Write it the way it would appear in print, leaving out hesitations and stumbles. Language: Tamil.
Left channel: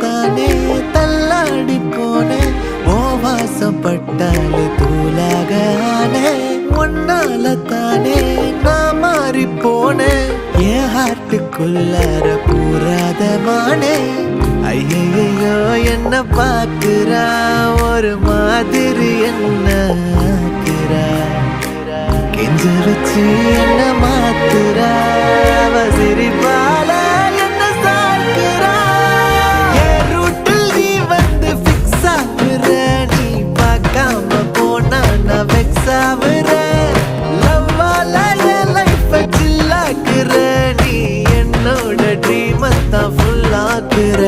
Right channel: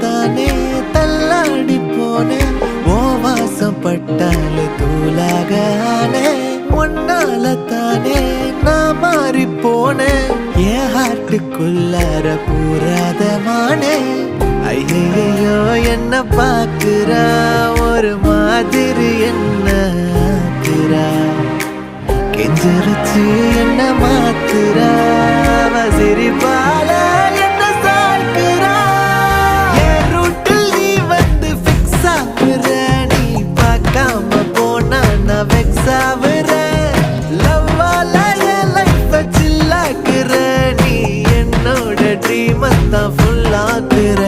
தானே தள்ளாடி போனேன் ஓ வாசம் பட்டாலே தூளாக ஆனே உன்னால தானே நான் மாறி போனேன் என் ஹார்ட்டுக்குள்ளார கூறாத மானே ஐயையோ என்ன பாக்குறா ஒரு மாதிரி என்ன ஆக்குறா கெஞ்ச வச்சு என்ன மாத்துறா அவ சிரிப்பால என்ன சாய்க்கிறா என் ரூட்டில் நீ வந்து ஃபிக்ஸ் ஆகுற நீ பார்க்காம போனா நான் வெக்ஸ் ஆகுற லவ்வால என் லைஃப் சில்லாக்குற நீ என்னோட ட்ரீம் தான் ஃபுல் ஆக்குற